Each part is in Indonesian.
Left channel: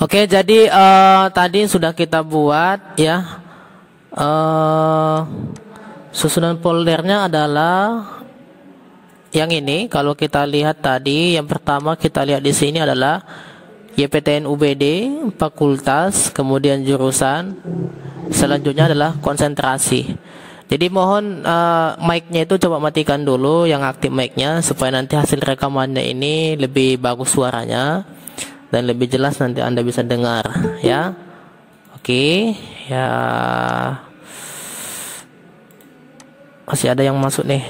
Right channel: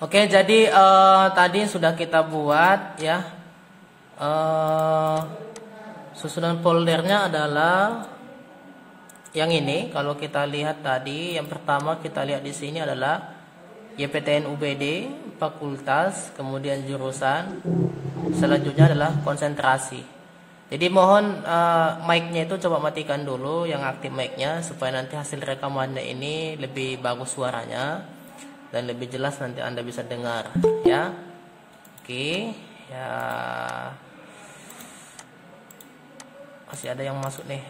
Oke, jadi tadi sudah kita buat ya. Susunan foldernya adalah yang ini. Kalau kita lihat tadi, yang pertama kita lihat di sini adalah YPTN UBD, fakultas, kemudian jurusan. Selanjutnya adalah konsentrasi. Jadi mohon mic-nya itu coba matikan dulu, yang aktif mic-nya, supaya nanti hasil rekamannya ini lebih bagus suaranya dan lebih jelas nanti Anda bisa dengar ya. Oke, ya. Masih ada yang masuk nih.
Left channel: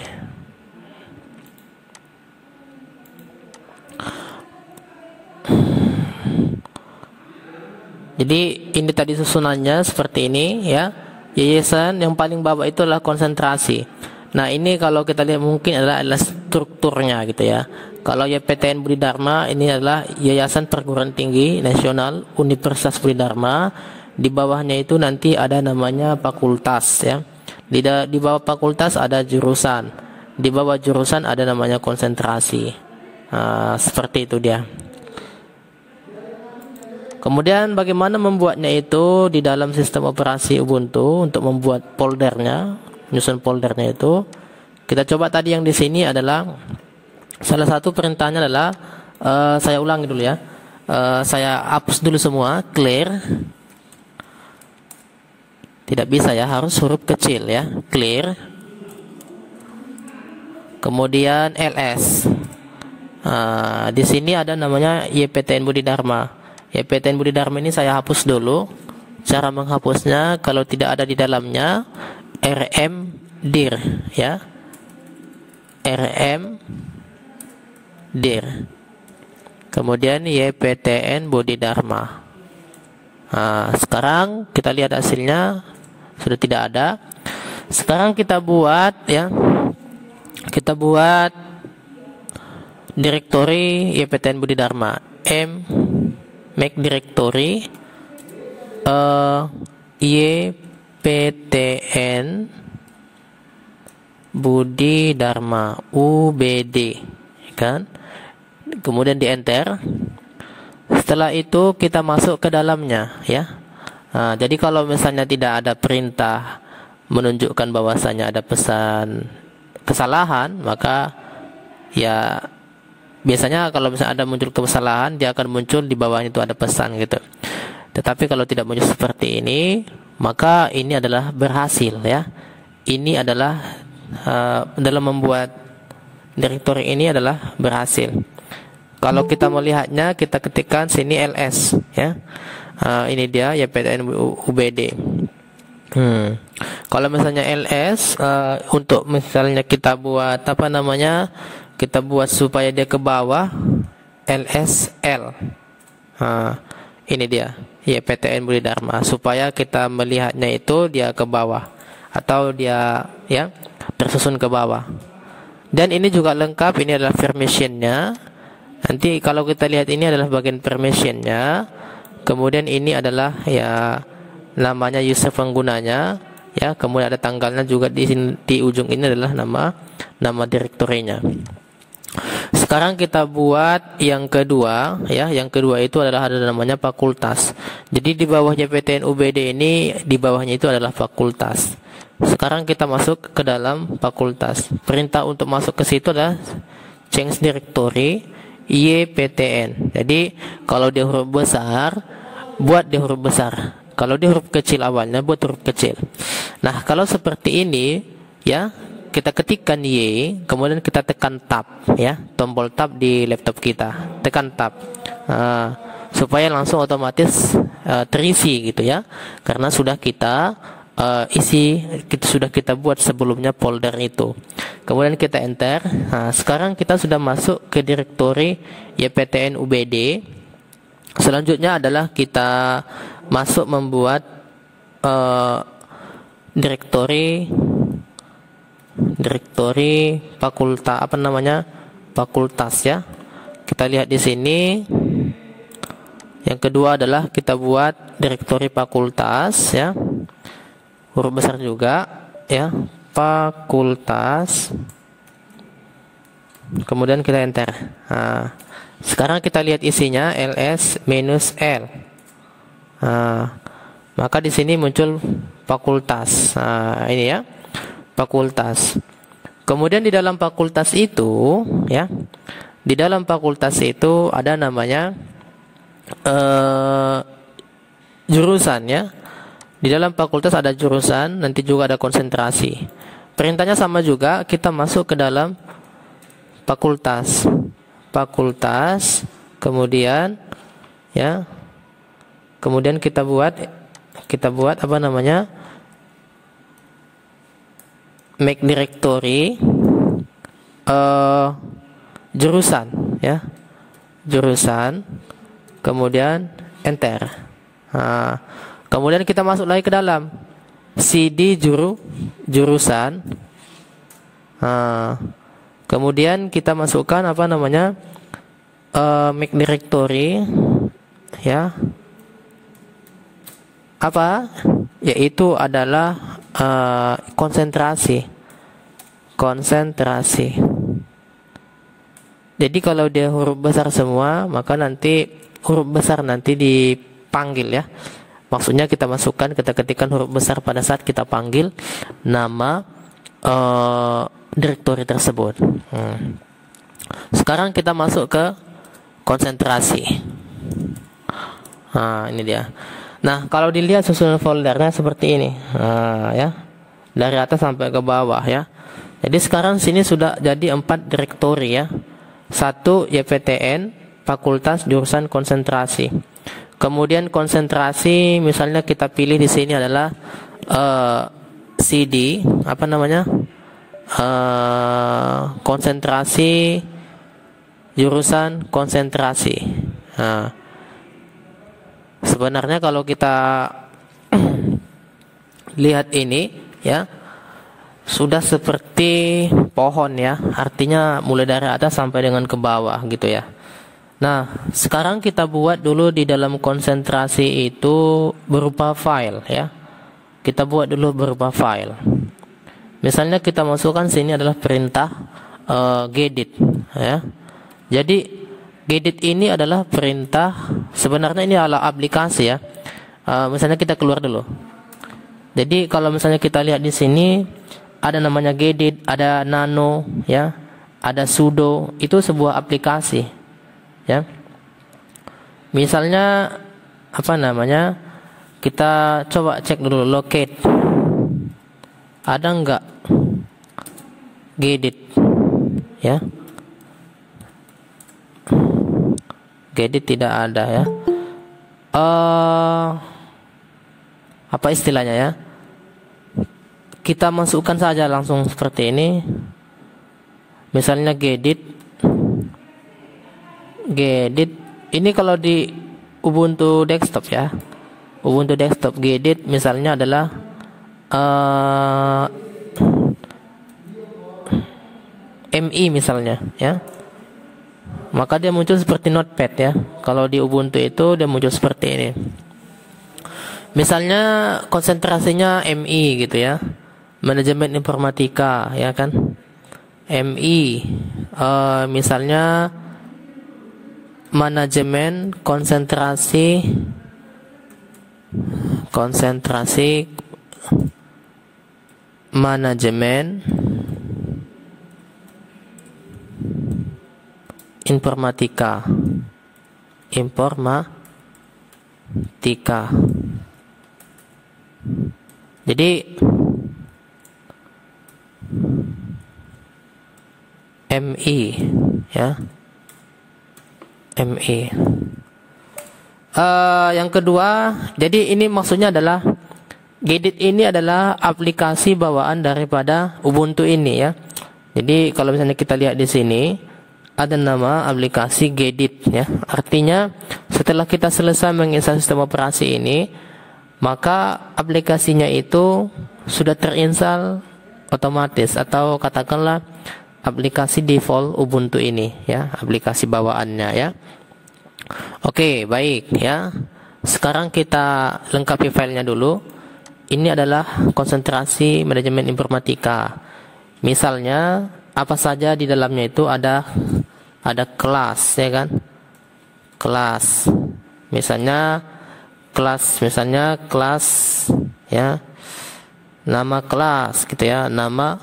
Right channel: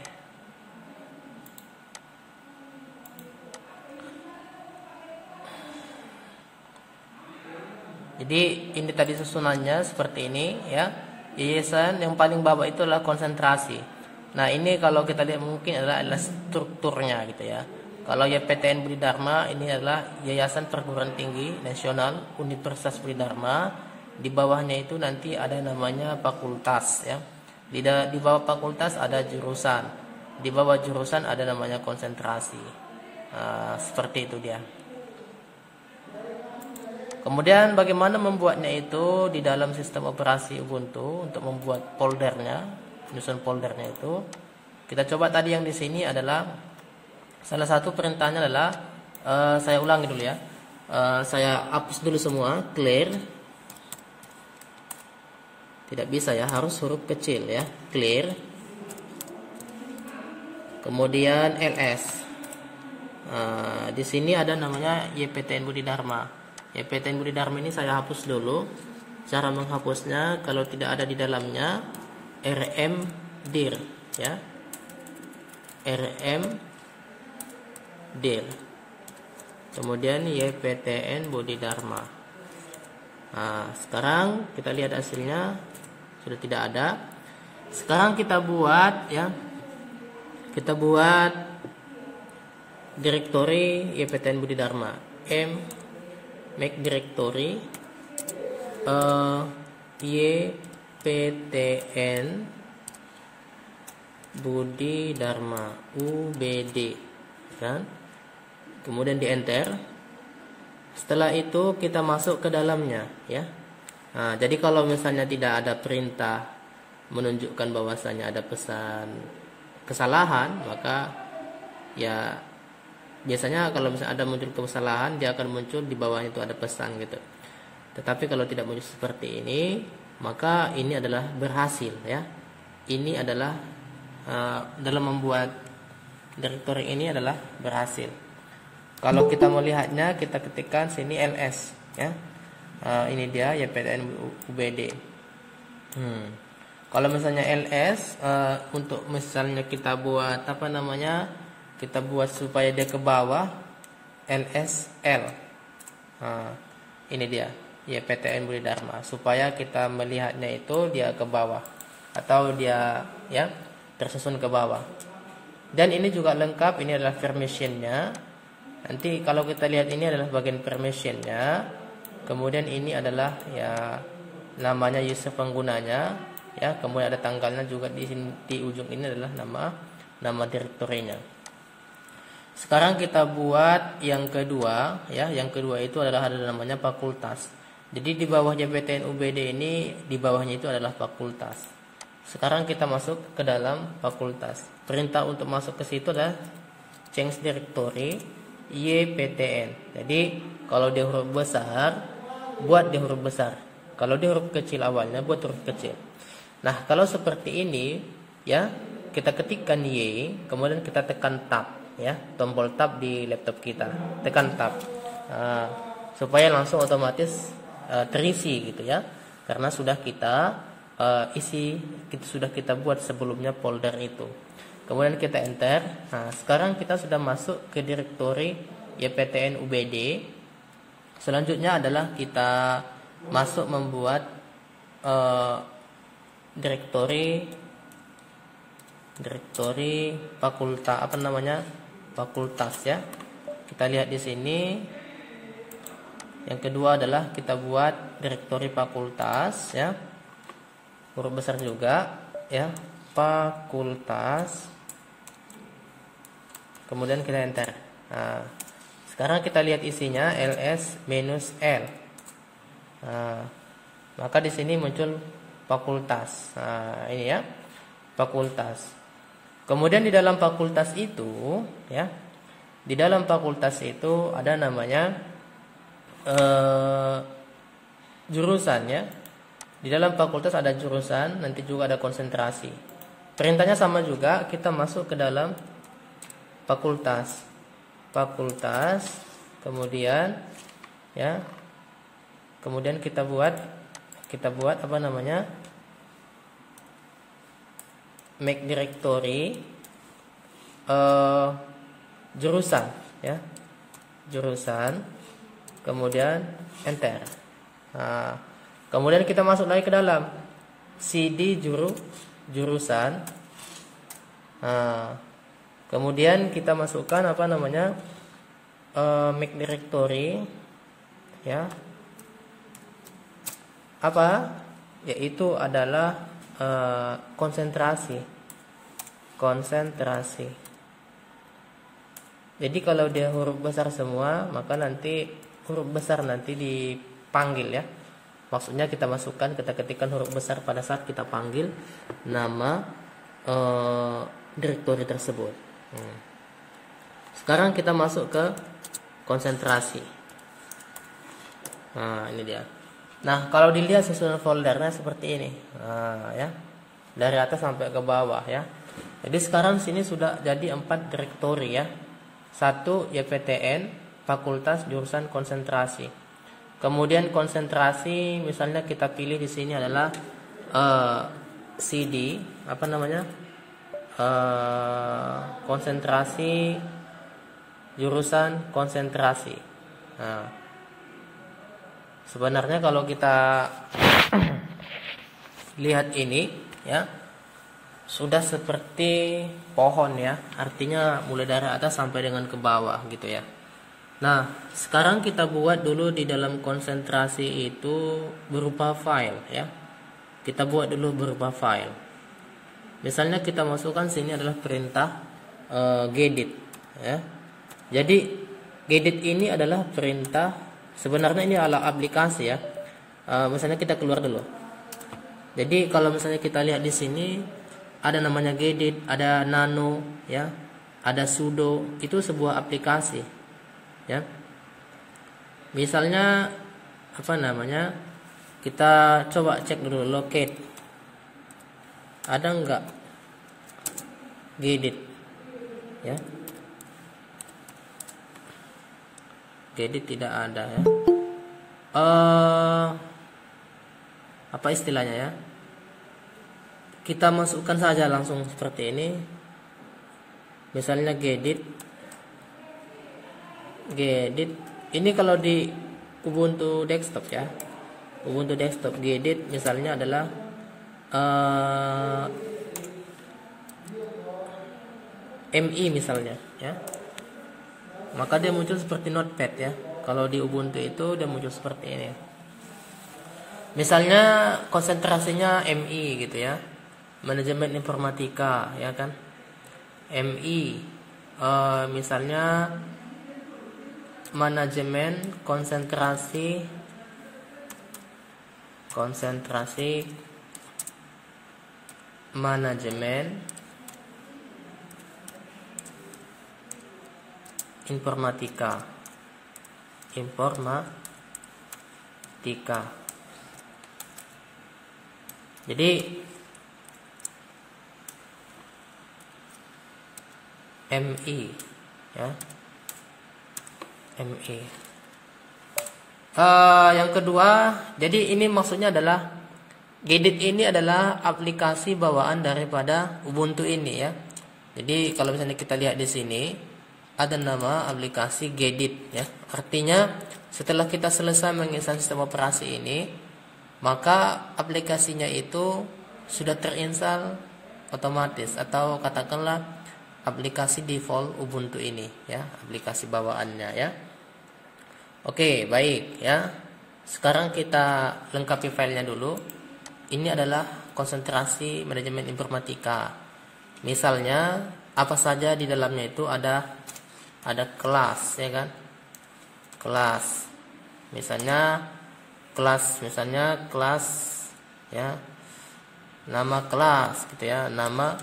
Jadi ini tadi susunannya seperti ini ya. Yayasan yang paling bawah itu adalah konsentrasi. Nah, ini kalau kita lihat mungkin adalah strukturnya gitu ya. Kalau YPTN Budi Dharma ini adalah Yayasan Perguruan Tinggi Nasional Universitas Budi Dharma. Di bawahnya itu nanti ada namanya fakultas ya. Di bawah fakultas ada jurusan. Di bawah jurusan ada namanya konsentrasi. Seperti itu dia. Kemudian bagaimana membuatnya itu di dalam sistem operasi Ubuntu untuk membuat foldernya, menyusun foldernya itu. Kita coba tadi yang di sini adalah salah satu perintahnya adalah saya ulangi dulu ya. Saya hapus dulu semua, clear. Tidak bisa ya, harus huruf kecil ya, clear. Kemudian ls. Di sini ada namanya YPTN Budi Dharma. YPTN Budi Dharma ini saya hapus dulu. Cara menghapusnya kalau tidak ada di dalamnya rm dir ya. rm dir. Kemudian YPTN Budi Dharma. Sekarang kita lihat hasilnya sudah tidak ada. Sekarang kita buat ya. Kita buat direktori YPTN Budi Dharma. Make directory YPTN Budi Dharma UBD kan. Kemudian di enter. Setelah itu kita masuk ke dalamnya ya. Jadi kalau misalnya tidak ada perintah menunjukkan bahwasanya ada pesan kesalahan, maka ya biasanya kalau misalnya ada muncul kesalahan, dia akan muncul di bawahnya itu ada pesan gitu. Tetapi kalau tidak muncul seperti ini, maka ini adalah berhasil ya. Ini adalah dalam membuat direktori ini adalah berhasil. Kalau kita melihatnya, kita ketikkan sini ls ya. Ini dia YPTN UBD. Kalau misalnya ls untuk misalnya kita buat apa namanya, kita buat supaya dia ke bawah, LSL. Ini dia YPTN Budi Dharma, supaya kita melihatnya itu dia ke bawah atau dia ya tersusun ke bawah. Dan ini juga lengkap, ini adalah permissionnya. Nanti kalau kita lihat ini adalah bagian permissionnya. Kemudian ini adalah ya namanya user penggunanya ya. Kemudian ada tanggalnya juga di ujung ini adalah nama direktorinya. Sekarang kita buat yang kedua ya. Yang kedua itu adalah ada namanya fakultas. Jadi di bawahnya YPTN UBD ini, di bawahnya itu adalah fakultas. Sekarang kita masuk ke dalam fakultas. Perintah untuk masuk ke situ adalah change directory YPTN. Jadi kalau dia huruf besar, buat dia huruf besar. Kalau dia huruf kecil awalnya, buat huruf kecil. Nah, kalau seperti ini ya, kita ketikkan Y, kemudian kita tekan tab ya, tombol tab di laptop kita, tekan tab supaya langsung otomatis terisi gitu ya, karena sudah kita sudah kita buat sebelumnya folder itu. Kemudian kita enter. Sekarang kita sudah masuk ke direktori YPTN UBD. Selanjutnya adalah kita masuk membuat direktori fakultas, apa namanya, fakultas ya. Kita lihat di sini. Yang kedua adalah kita buat direktori fakultas ya, huruf besar juga ya, fakultas. Kemudian kita enter. Sekarang kita lihat isinya ls-l Maka di sini muncul fakultas. Ini ya, fakultas. Kemudian di dalam fakultas itu, ya, di dalam fakultas itu ada namanya jurusan, ya. Di dalam fakultas ada jurusan, nanti juga ada konsentrasi. Perintahnya sama juga, kita masuk ke dalam fakultas. Fakultas, kemudian ya. Kemudian kita buat apa namanya? Make directory jurusan, ya. Jurusan, kemudian enter. Kemudian kita masuk lagi ke dalam CD jurusan. Kemudian kita masukkan apa namanya, make directory, ya, apa, yaitu adalah konsentrasi. Jadi kalau dia huruf besar semua, maka nanti huruf besar nanti dipanggil, ya. Maksudnya kita masukkan, kita ketikkan huruf besar pada saat kita panggil nama direktori tersebut. Sekarang kita masuk ke konsentrasi. Ini dia. Nah, kalau dilihat susunan foldernya seperti ini, ya, dari atas sampai ke bawah, ya. Jadi sekarang sini sudah jadi 4 direktori, ya. 1 YPTN, fakultas, jurusan, konsentrasi. Kemudian konsentrasi, misalnya kita pilih di sini adalah CD, apa namanya, konsentrasi, jurusan, konsentrasi. Sebenarnya kalau kita lihat ini, ya, sudah seperti pohon, ya, artinya mulai dari atas sampai dengan ke bawah gitu, ya. Nah, sekarang kita buat dulu di dalam konsentrasi itu berupa file, ya. Kita buat dulu berupa file. Misalnya kita masukkan sini adalah perintah gedit, ya. Jadi gedit ini adalah perintah, sebenarnya ini adalah aplikasi, ya. Misalnya kita keluar dulu. Jadi kalau misalnya kita lihat di sini ada namanya gedit, ada nano, ya, ada sudo, itu sebuah aplikasi. Ya, misalnya apa namanya, kita coba cek dulu locate, ada enggak gedit, ya. Gedit tidak ada, ya. Apa istilahnya, ya, kita masukkan saja langsung seperti ini. Misalnya gedit ini kalau di Ubuntu desktop, ya, Ubuntu desktop gedit misalnya adalah MI misalnya, ya, maka dia muncul seperti notepad, ya. Kalau di Ubuntu itu dia muncul seperti ini. Misalnya konsentrasinya MI gitu, ya, manajemen informatika, ya kan, MI, misalnya manajemen konsentrasi manajemen informatika. Jadi MI, ya, MI. Yang kedua, jadi ini maksudnya adalah gedit ini adalah aplikasi bawaan daripada Ubuntu ini, ya. Jadi kalau misalnya kita lihat di sini ada nama aplikasi gedit, ya. Artinya setelah kita selesai menginstal sistem operasi ini, maka aplikasinya itu sudah terinstall otomatis, atau katakanlah aplikasi default Ubuntu ini, ya, aplikasi bawaannya, ya. Oke, baik, ya. Sekarang kita lengkapi filenya dulu. Ini adalah konsentrasi manajemen informatika. Misalnya apa saja di dalamnya itu ada kelas, ya kan? Kelas. Misalnya kelas, misalnya kelas ya, nama kelas gitu ya, nama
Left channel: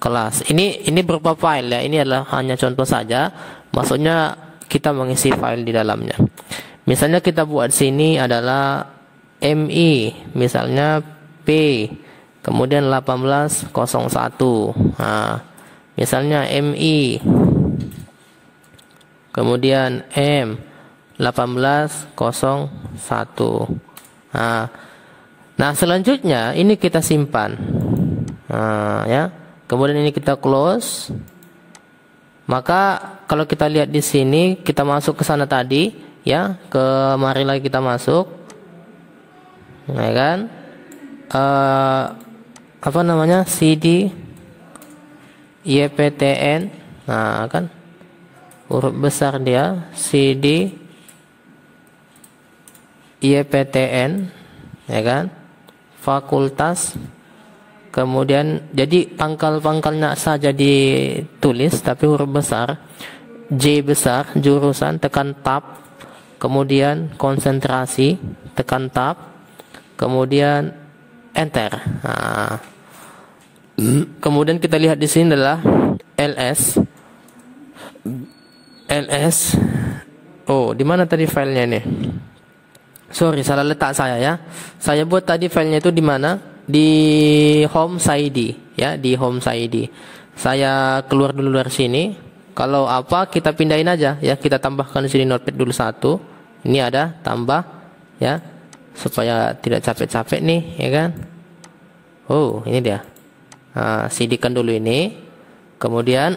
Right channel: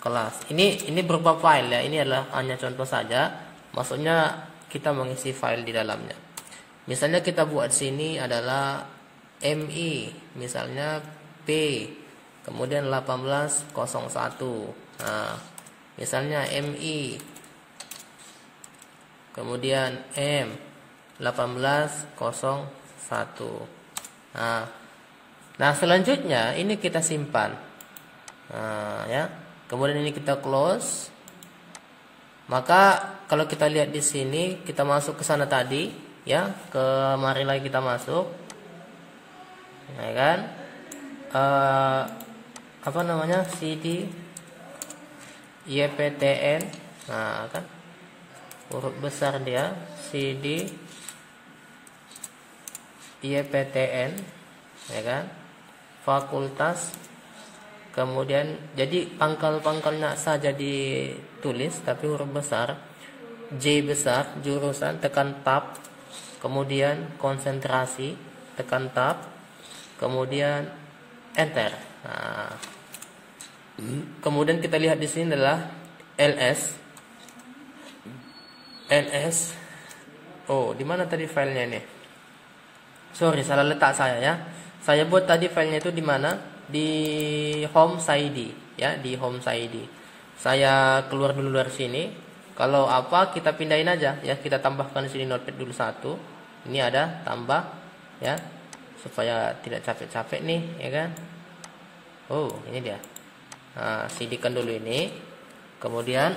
kelas. Ini berupa file ya, ini adalah hanya contoh saja, maksudnya kita mengisi file di dalamnya. Misalnya kita buat sini adalah MI, misalnya P, kemudian 1801. Nah, misalnya MI, kemudian M 1801. Nah, selanjutnya ini kita simpan. Ya. Kemudian ini kita close. Maka kalau kita lihat di sini, kita masuk ke sana tadi, ya, kemari lagi kita masuk. Nah, kan? Apa namanya? CD YPTN. Nah, kan? Huruf besar dia, CD YPTN, ya kan, fakultas, kemudian jadi pangkal-pangkalnya saja ditulis tapi huruf besar, J besar, jurusan, tekan tab, kemudian konsentrasi, tekan tab, kemudian enter. Nah, kemudian kita lihat di sini adalah ls. Oh, di mana tadi filenya nih? Sorry, salah letak saya ya. Saya buat tadi filenya itu di mana? Di home side ya, di home side. Saya keluar dulu dari sini. Kalau apa kita pindahin aja ya, kita tambahkan di sini notepad dulu satu. Ini ada tambah ya, supaya tidak capek-capek nih, ya kan? Oh, ini dia. Nah, CD-kan dulu ini. Kemudian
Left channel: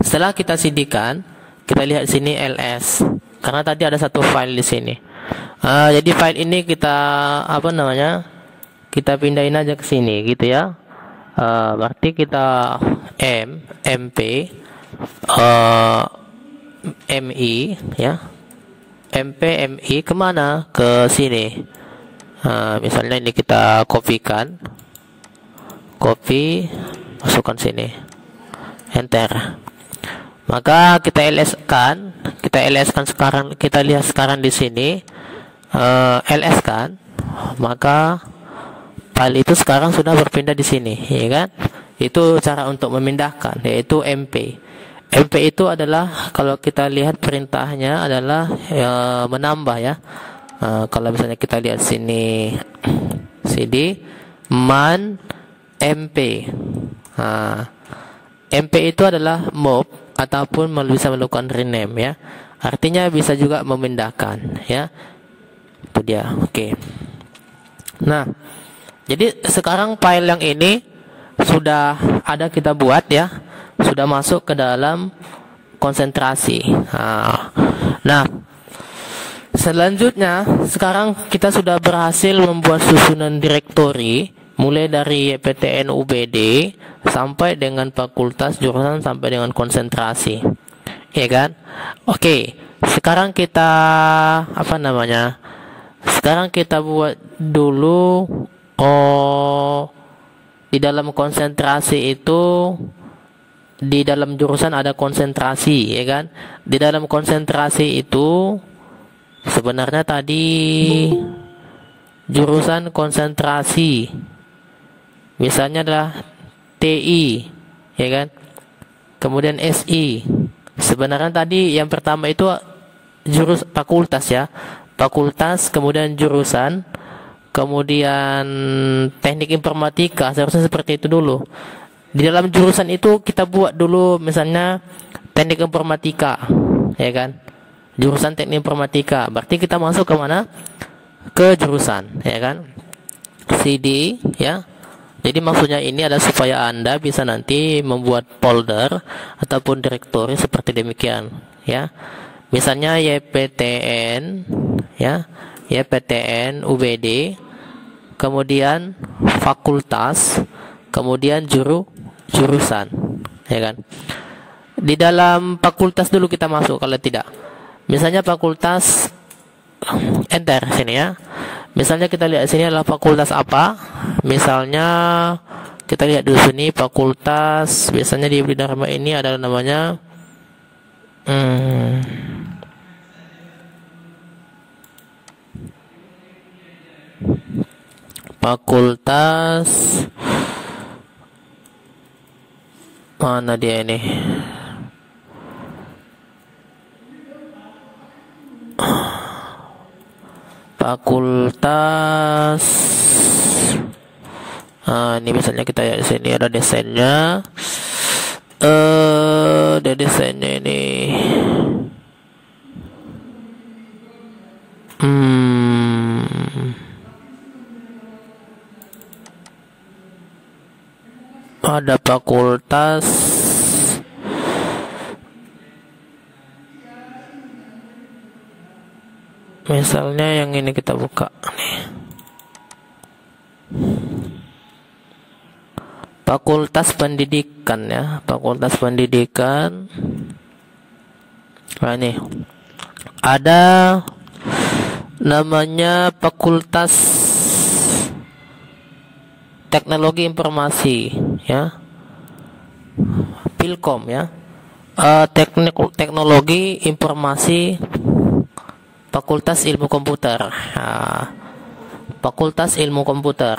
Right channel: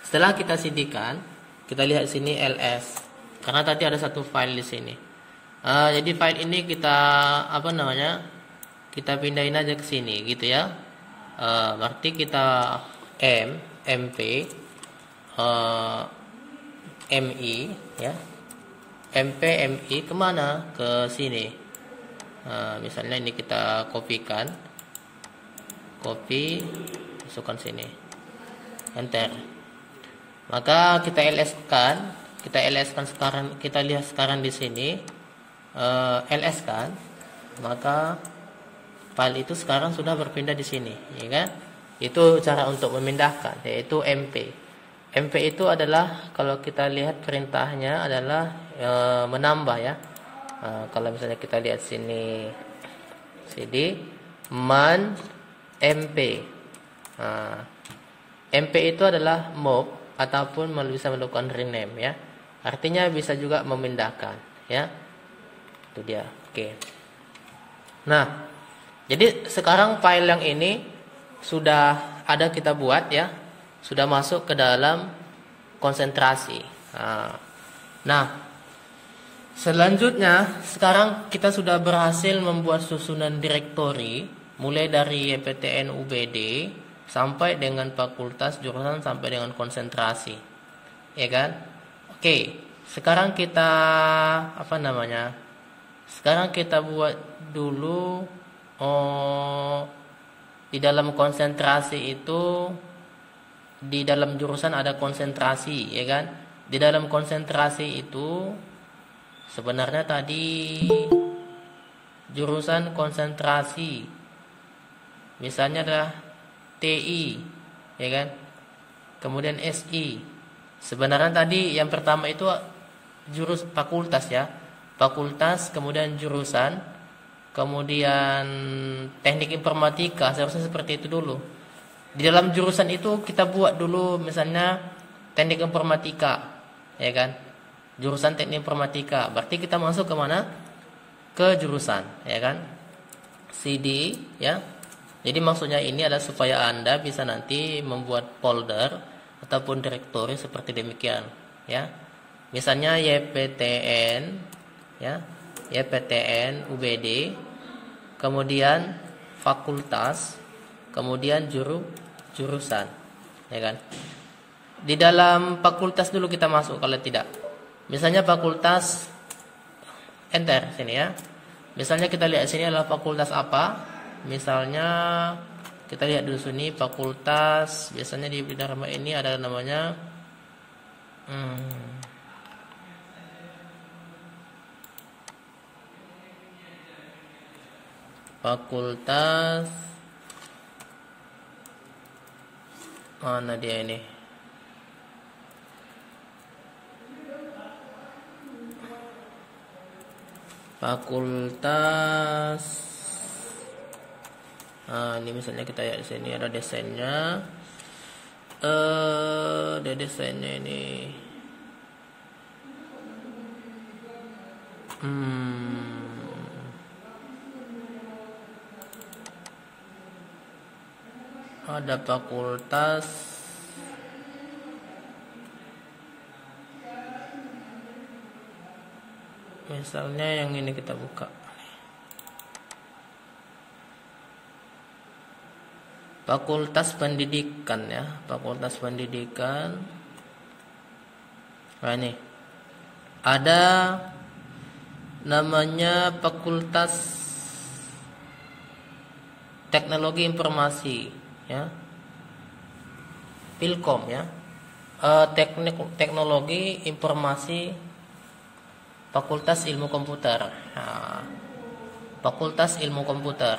setelah kita CD-kan, kita lihat sini ls. Karena tadi ada satu file di sini. Jadi file ini kita apa namanya? Kita pindahin aja ke sini gitu ya. Berarti kita MP MI ya. MI kemana? Ke sini. Misalnya ini kita kopikan. Copy, masukkan sini. Enter. Maka kita ls-kan sekarang, kita lihat sekarang di sini ls-kan, maka file itu sekarang sudah berpindah di sini, ya kan? Itu cara untuk memindahkan, yaitu MP. MP itu adalah kalau kita lihat perintahnya adalah menambah ya. Kalau misalnya kita lihat sini CD man MP. MP itu adalah move ataupun bisa melakukan rename ya. Artinya bisa juga memindahkan ya. Itu dia. Oke. Nah, jadi sekarang file yang ini sudah ada kita buat ya. Sudah masuk ke dalam konsentrasi. Nah, selanjutnya sekarang kita sudah berhasil membuat susunan direktori mulai dari PTN UBD sampai dengan fakultas, jurusan, sampai dengan konsentrasi, ya kan? Oke, sekarang kita apa namanya? Sekarang kita buat dulu di dalam konsentrasi itu, di dalam jurusan ada konsentrasi, ya kan? Di dalam konsentrasi itu sebenarnya tadi jurusan konsentrasi, misalnya adalah TI, ya kan? Kemudian SI. Sebenarnya tadi yang pertama itu fakultas ya. Fakultas, kemudian jurusan, kemudian teknik informatika, seharusnya seperti itu dulu. Di dalam jurusan itu kita buat dulu misalnya teknik informatika, ya kan? Jurusan teknik informatika. Berarti kita masuk ke mana? Ke jurusan, ya kan? CD, ya. Jadi maksudnya ini adalah supaya Anda bisa nanti membuat folder ataupun direktori seperti demikian, ya. Misalnya YPTN, ya, YPTN UBD, kemudian fakultas, kemudian jurusan, ya kan. Di dalam fakultas dulu kita masuk kalau tidak. Misalnya fakultas, enter sini ya. Misalnya kita lihat sini adalah fakultas apa? Misalnya kita lihat dulu sini fakultas, biasanya di Budi Dharma ini adalah namanya fakultas, mana dia ini? Fakultas. Ini misalnya kita lihat di sini ada desainnya. Ada desainnya ini. Ada fakultas. Misalnya yang ini kita buka nih. Fakultas Pendidikan ya, Fakultas Pendidikan. Nah ini ada namanya Fakultas Teknologi Informasi ya, Pilkom ya, Teknologi Informasi, Fakultas Ilmu Komputer. Fakultas Ilmu Komputer,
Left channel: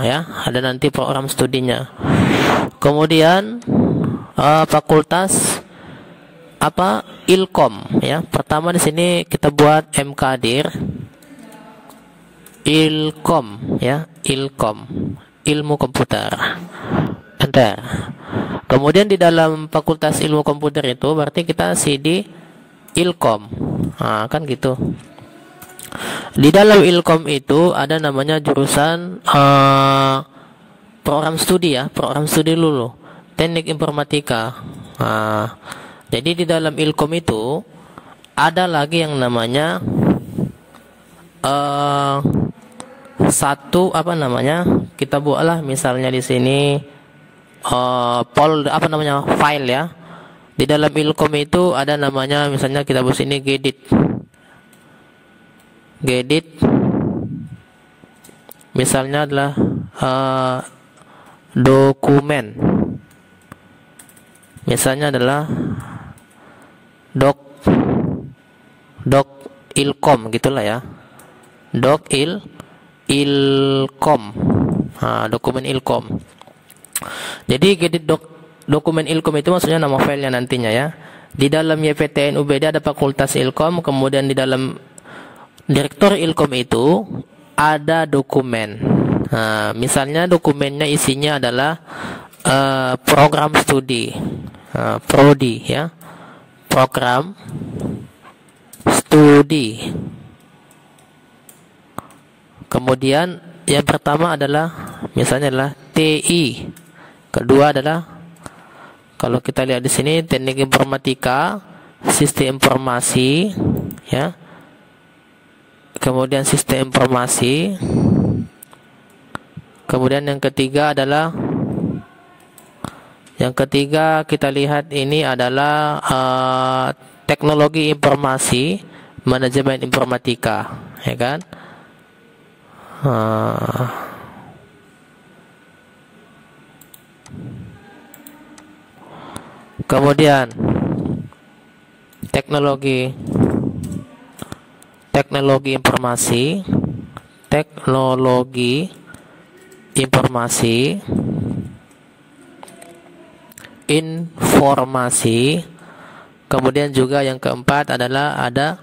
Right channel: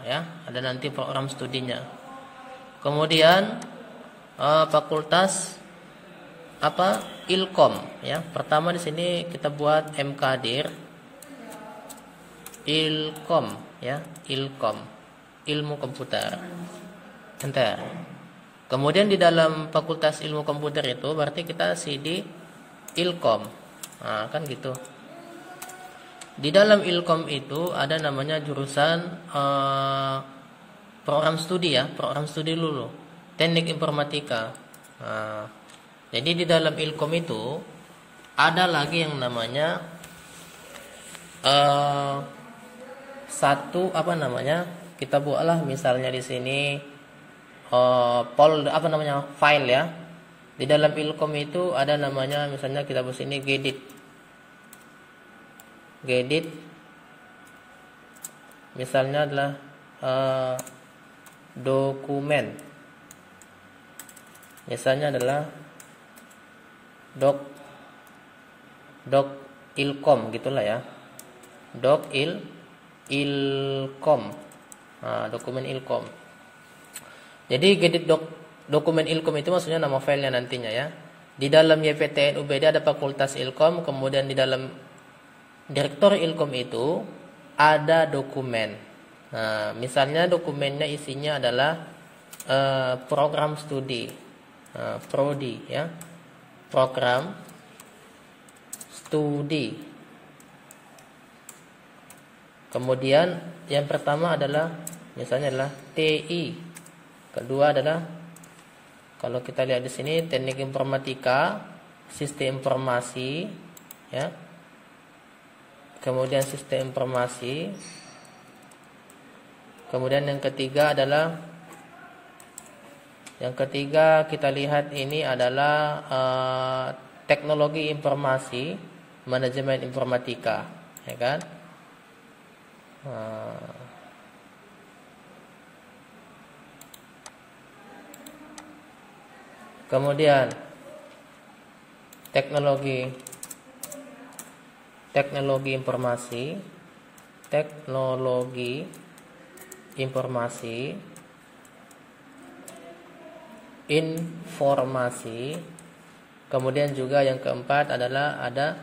ya, ada nanti program studinya. Kemudian fakultas apa? Ilkom ya. Pertama di sini kita buat MKdir. Ilkom ya, Ilkom, Ilmu Komputer. Bentar. Kemudian di dalam Fakultas Ilmu Komputer itu berarti kita CD Ilkom. Kan gitu. Di dalam Ilkom itu ada namanya jurusan program studi ya, program studi dulu, Teknik Informatika. Jadi di dalam Ilkom itu ada lagi yang namanya satu apa namanya, kita buatlah misalnya di sini file ya. Di dalam Ilkom itu ada namanya, misalnya kita buat sini Gedit misalnya adalah dokumen, misalnya adalah doc Ilkom gitulah ya, Ilkom, dokumen Ilkom. Jadi Gedit dokumen Ilkom itu maksudnya nama filenya nantinya ya. Di dalam YPTN UBD ada Fakultas Ilkom, kemudian di dalam Direktur Ilkom itu ada dokumen. Misalnya dokumennya isinya adalah program studi, prodi ya, program studi. Kemudian yang pertama adalah misalnya adalah TI, kedua adalah kalau kita lihat di sini Teknik Informatika, Sistem Informasi ya. Kemudian Sistem Informasi. Kemudian yang ketiga adalah, yang ketiga kita lihat ini adalah Teknologi Informasi, Manajemen Informatika, ya kan? Kemudian Teknologi Informasi, Informasi. Kemudian juga yang keempat adalah ada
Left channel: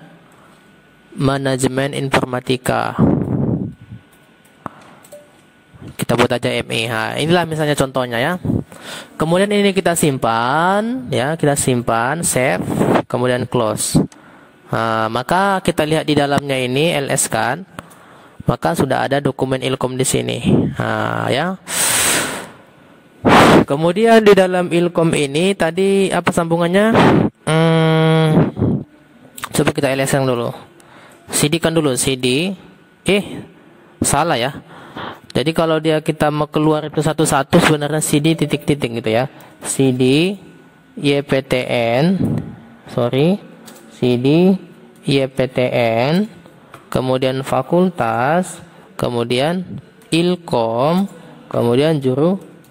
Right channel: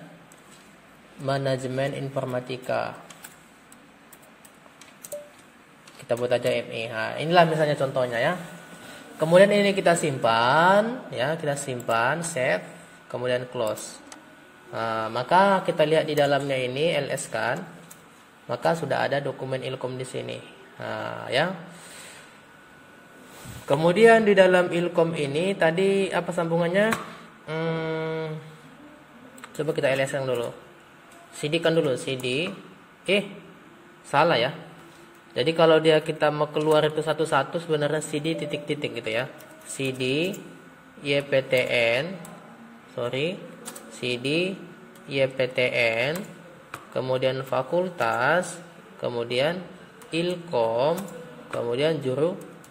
Manajemen Informatika. Kita buat aja MEH. Inilah misalnya contohnya ya. Kemudian ini kita simpan ya, kita simpan, save, kemudian close. Maka kita lihat di dalamnya ini LS kan, maka sudah ada dokumen Ilkom di sini, ya. Kemudian di dalam Ilkom ini tadi apa sambungannya? Coba kita LS yang dulu, CD kan dulu, CD, salah ya. Jadi kalau dia kita mau keluar itu satu-satu sebenarnya CD titik-titik gitu ya. CD YPTN, CD YPTN, kemudian fakultas, kemudian Ilkom, kemudian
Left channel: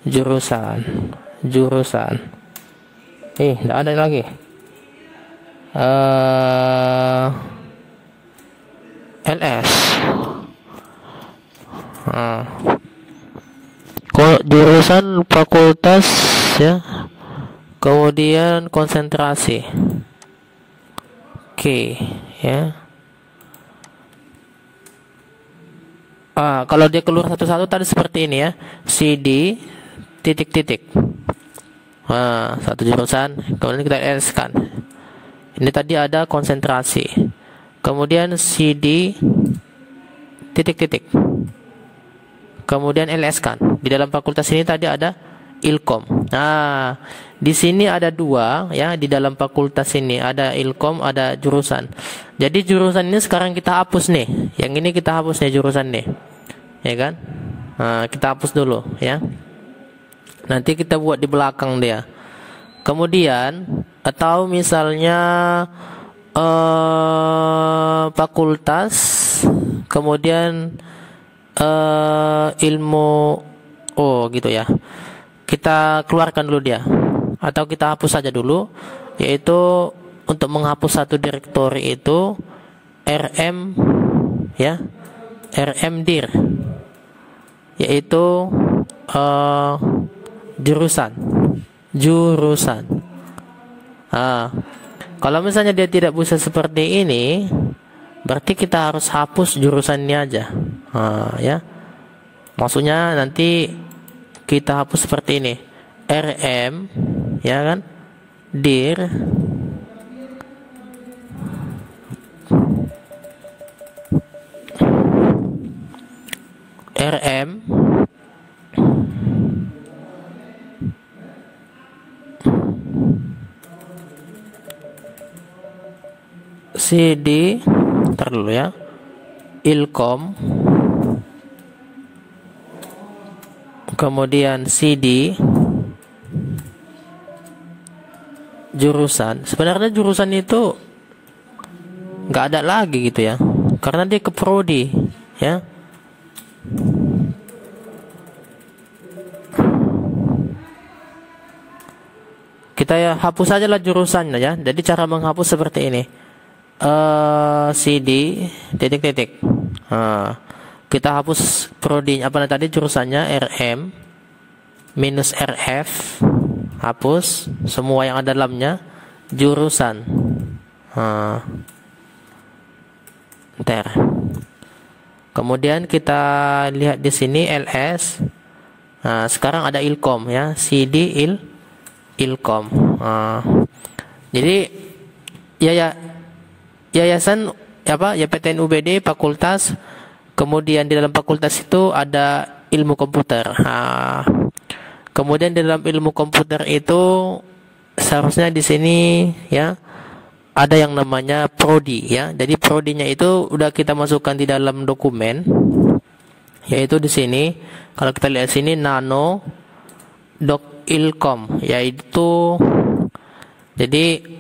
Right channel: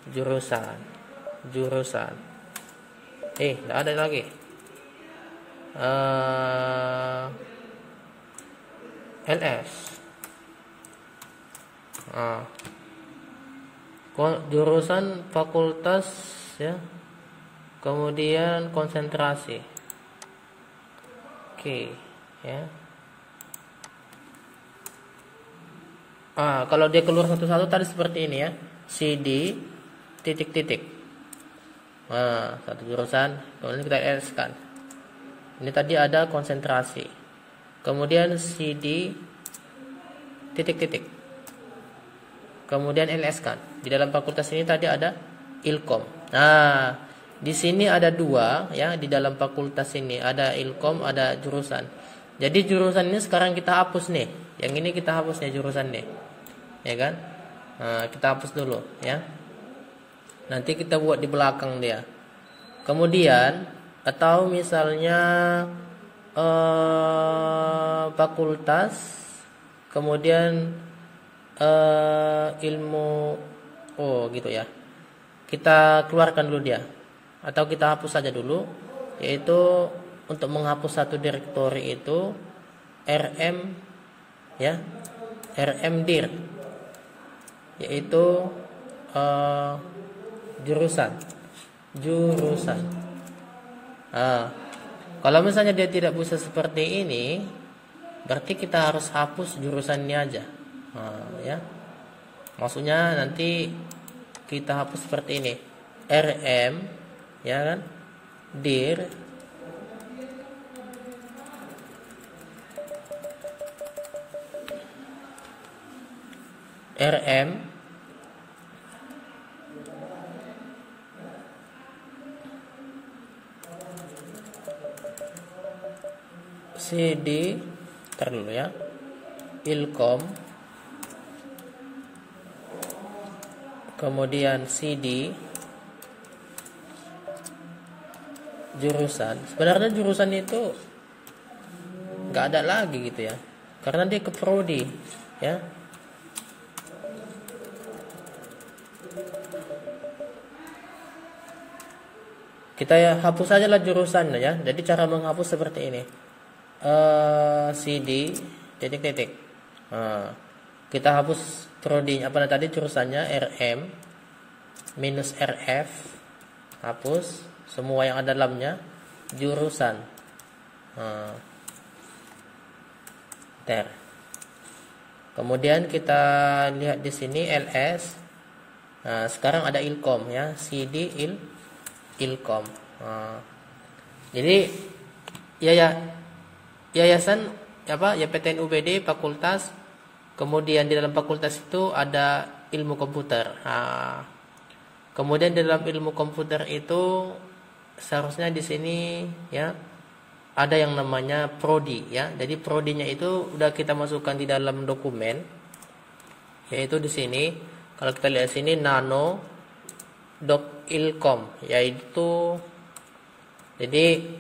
jurusan. Tidak ada lagi. LS. jurusan, fakultas, ya, kemudian konsentrasi. Oke, ya. Kalau dia keluar satu-satu tadi seperti ini ya, CD titik-titik. Satu jurusan, kemudian kita LS-kan. Ini tadi ada konsentrasi. Kemudian CD titik-titik. Kemudian LS kan. Di dalam fakultas ini tadi ada Ilkom. Nah, di sini ada dua ya, di dalam fakultas ini ada Ilkom, ada jurusan. Jadi jurusan ini sekarang kita hapus nih. Yang ini kita hapus nih jurusan nih. Ya kan? Kita hapus dulu ya. Nanti kita buat di belakang dia. Kemudian atau misalnya fakultas, kemudian ilmu, gitu ya. Kita keluarkan dulu dia, atau kita hapus saja dulu. Yaitu untuk menghapus satu direktori itu RM ya, RM dir, yaitu jurusan. Kalau misalnya dia tidak bisa seperti ini, berarti kita harus hapus jurusannya aja. Ya, maksudnya nanti kita hapus seperti ini, RM, ya kan, dir, RM, CD, ntar dulu ya, Ilkom, kemudian CD, jurusan. Sebenarnya jurusan itu nggak ada lagi gitu ya, karena dia ke prodi ya. Kita ya hapus saja lah jurusannya ya. Jadi cara menghapus seperti ini. CD titik-titik. Kita hapus prodi apa tadi jurusannya, RM minus RF, hapus semua yang ada dalamnya, jurusan. Ntar. Kemudian kita lihat di sini LS. Sekarang ada Ilkom ya, CD Ilkom. Jadi yayasan apa ya, PTN UBD fakultas. Kemudian di dalam fakultas itu ada ilmu komputer. Kemudian di dalam ilmu komputer itu seharusnya di sini ya ada yang namanya prodi ya. Jadi prodinya itu udah kita masukkan di dalam dokumen, yaitu di sini. Kalau kita lihat sini nano doc ilkom, yaitu jadi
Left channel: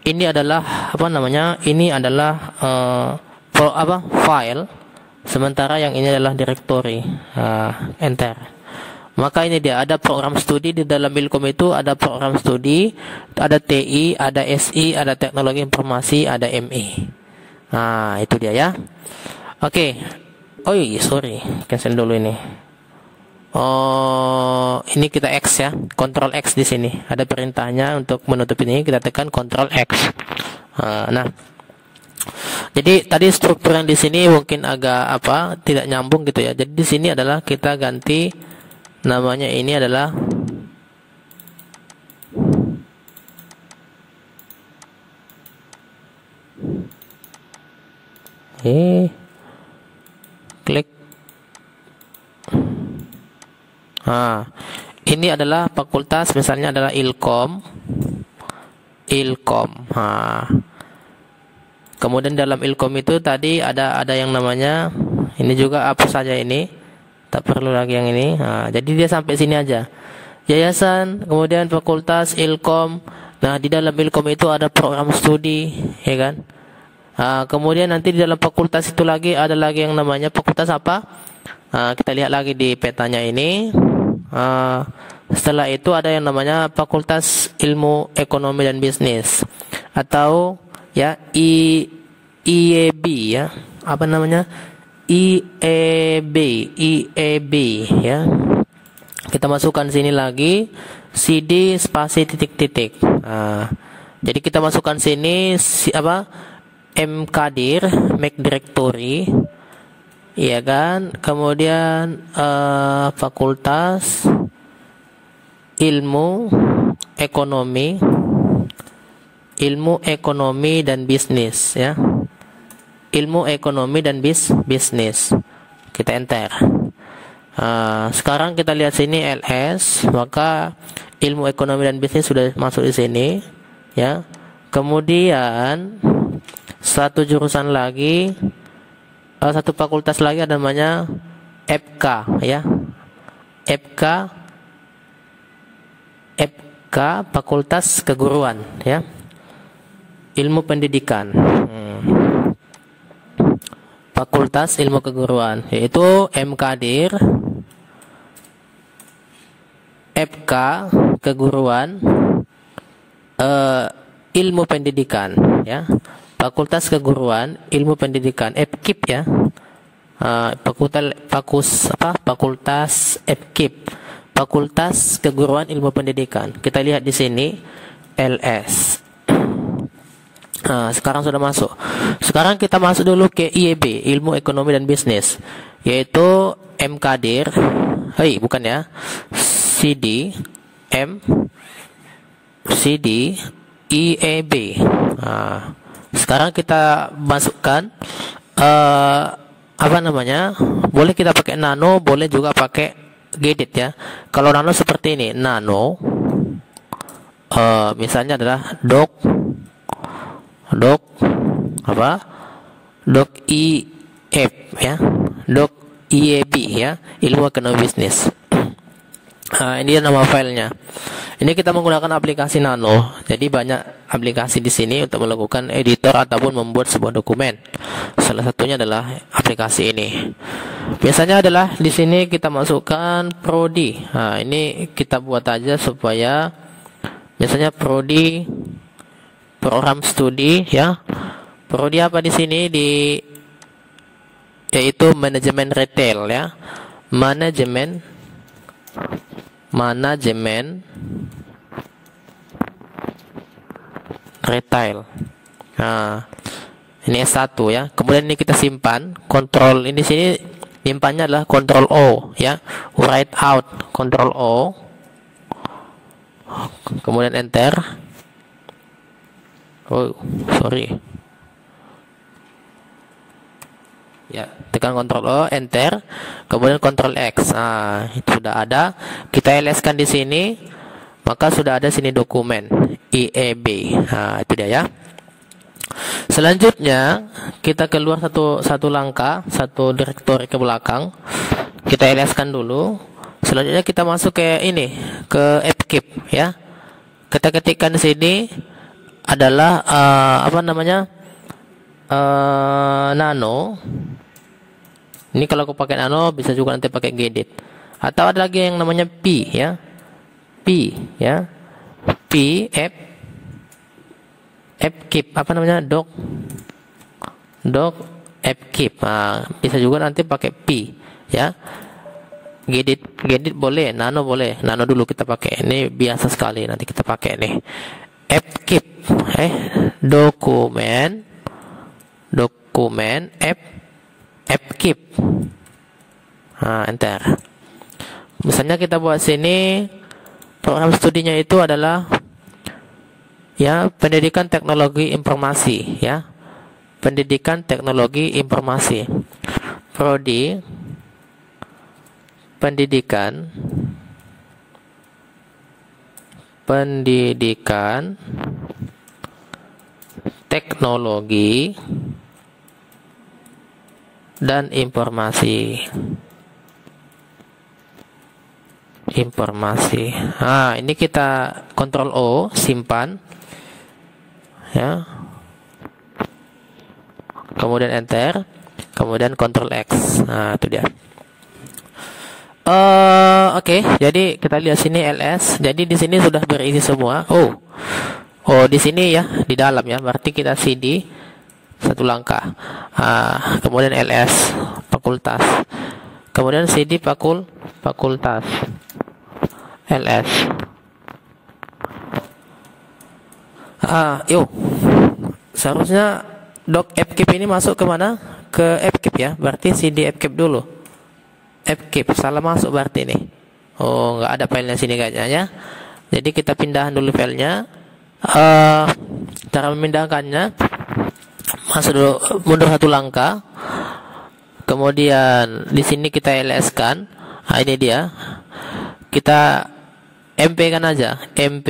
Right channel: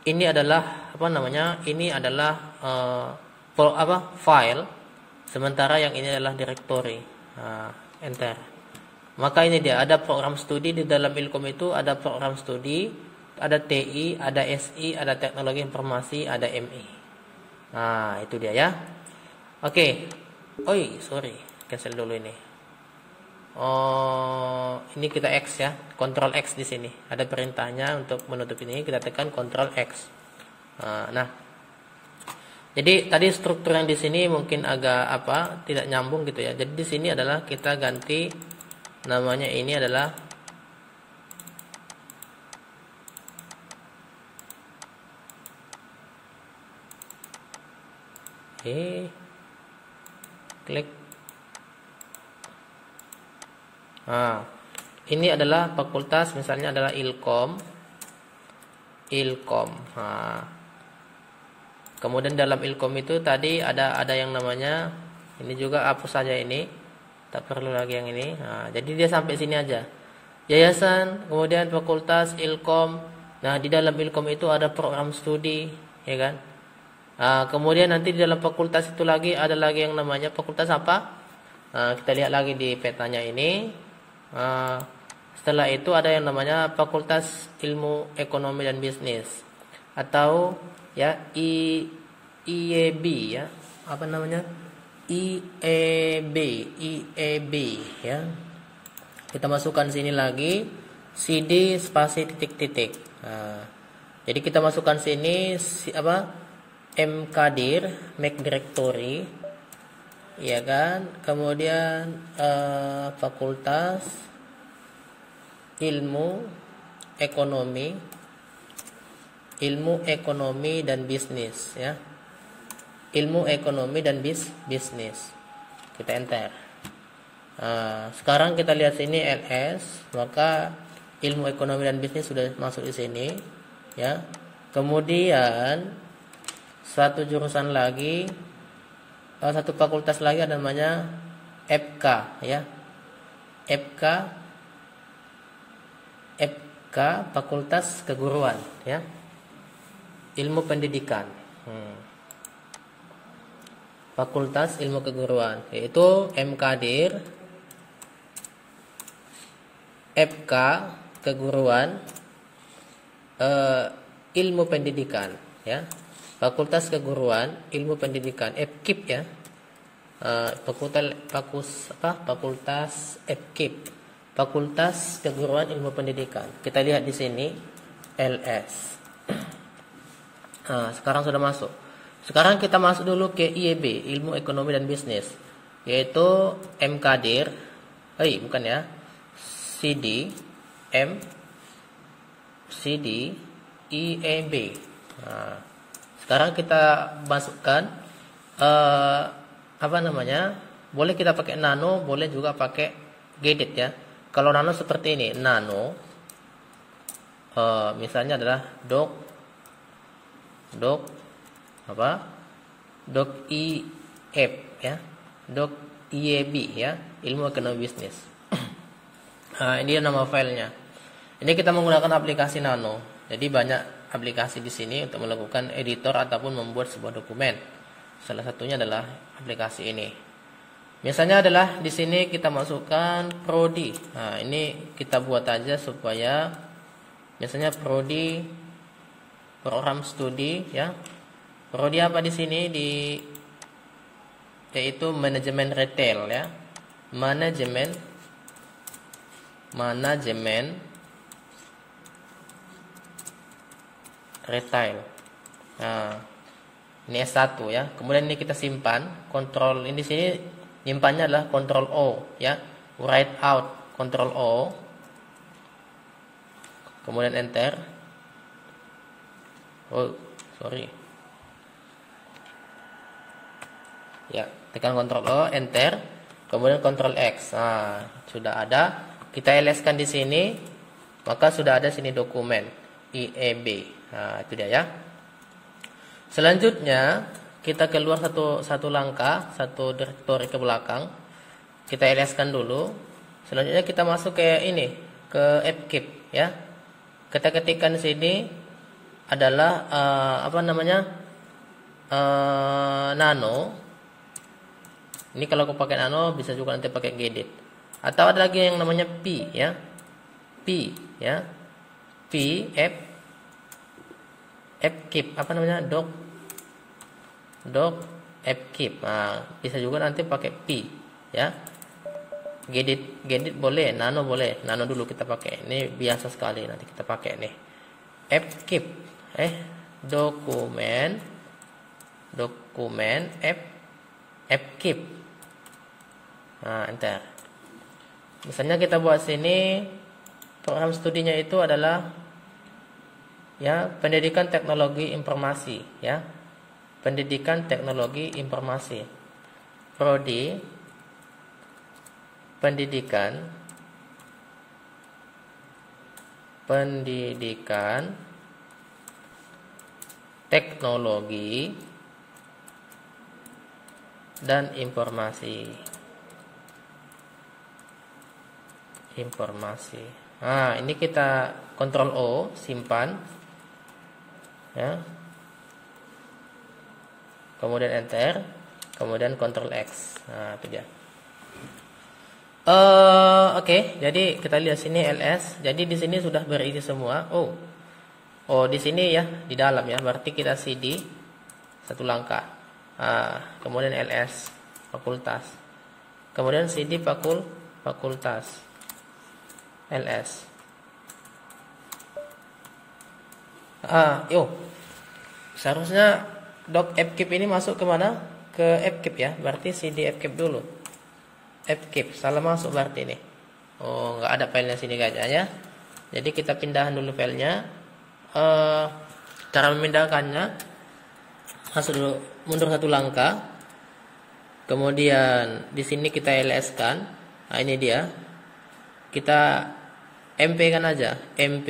ini adalah apa namanya? Ini adalah file, sementara yang ini adalah directory. Enter. Maka ini dia, ada program studi di dalam Ilkom itu, ada program studi, ada TI, ada SI, ada teknologi informasi, ada MI. Itu dia ya. Oke. Oh iya, sorry, cancel dulu ini. Ini kita X ya, Ctrl X di sini. Ada perintahnya untuk menutup ini, kita tekan Ctrl X. Jadi tadi struktur yang di sini mungkin agak tidak nyambung gitu ya. Jadi di sini adalah kita ganti namanya, ini adalah klik. Ini adalah fakultas, misalnya adalah Ilkom. Kemudian dalam Ilkom itu tadi ada yang namanya, ini juga hapus saja ini, tak perlu lagi yang ini. Jadi dia sampai sini aja. Yayasan, kemudian fakultas Ilkom. Nah, di dalam Ilkom itu ada program studi, ya kan? Kemudian nanti di dalam fakultas itu lagi ada lagi yang namanya fakultas apa? Kita lihat lagi di petanya ini. Setelah itu ada yang namanya Fakultas Ilmu Ekonomi dan Bisnis, atau ya IEB ya, apa namanya, IEB ya. Kita masukkan sini lagi CD spasi titik-titik. Jadi kita masukkan sini mkdir make directory, iya kan. Kemudian fakultas ilmu ekonomi dan bisnis, ya. Ilmu ekonomi dan bisnis. Kita enter. Sekarang kita lihat sini LS, maka ilmu ekonomi dan bisnis sudah masuk di sini, ya. Kemudian satu jurusan lagi, satu fakultas lagi ada namanya FK, ya. FK Fakultas Keguruan, ya. Ilmu pendidikan. Fakultas Ilmu Keguruan, yaitu MKdir FK Keguruan Ilmu Pendidikan, ya. Fakultas Keguruan Ilmu Pendidikan, FKIP, ya. Fakultas FKIP, Fakultas Keguruan Ilmu Pendidikan. Kita lihat di sini LS. Sekarang sudah masuk. Sekarang kita masuk dulu ke IEB, Ilmu Ekonomi dan Bisnis, yaitu MKdir. Bukan, ya. CD IEB. Sekarang kita masukkan boleh kita pakai nano, boleh juga pakai gedit, ya. Kalau nano seperti ini, nano misalnya adalah doc IEB, ya. Doc IEB, ya, Ilmu Ekonomi Bisnis. Ini nama filenya. Ini kita menggunakan aplikasi Nano. Jadi banyak aplikasi di sini untuk melakukan editor ataupun membuat sebuah dokumen. Salah satunya adalah aplikasi ini. Biasanya adalah di sini kita masukkan prodi. Ini kita buat aja supaya biasanya prodi program studi, ya. Prodi apa di sini yaitu manajemen retail, ya. Manajemen retail. Ini S1, ya. Kemudian ini kita simpan. Kontrol ini sini simpannya adalah Ctrl O, ya. Write out, Ctrl O. Kemudian enter. Ya, tekan Ctrl O, enter, kemudian Ctrl X. Itu sudah ada. Kita LS-kan di sini, maka sudah ada sini dokumen IEB. Itu dia, ya. Selanjutnya kita keluar satu langkah, satu direktori ke belakang. Kita LS-kan dulu. Selanjutnya kita masuk ke FKIP, ya. Kita ketikkan di sini adalah nano. Ini kalau aku pakai nano, bisa juga nanti pakai gedit. Atau ada lagi yang namanya P, ya. P, ya. FKIP, doc FKIP. Bisa juga nanti pakai P, ya. Gedit boleh, nano boleh. Nano dulu kita pakai. Ini biasa sekali, nanti kita pakai nih. FKIP, dokumen FKIP. Enter. Misalnya kita buat sini program studinya itu adalah, ya, pendidikan teknologi informasi, ya. Pendidikan teknologi informasi. Prodi pendidikan teknologi dan informasi. Ini kita Ctrl O, simpan, ya. Kemudian enter, kemudian Ctrl X. Itu dia. Oke, jadi kita lihat sini LS. Jadi di sini sudah berisi semua. Di sini, ya, di dalam, ya. Berarti kita CD satu langkah. Kemudian LS fakultas. Kemudian CD fakultas. ls. Yuk, seharusnya doc fkeep ini masuk ke mana? Ke fkeep ya, berarti cd fkeep dulu. Fkeep salah masuk berarti ini. Oh, nggak ada filenya sini kayaknya ya. Jadi kita pindahan dulu filenya. Cara memindahkannya, masuk dulu, mundur satu langkah. Kemudian di sini kita ls kan. Nah, ini dia. Kita mp kan aja, mp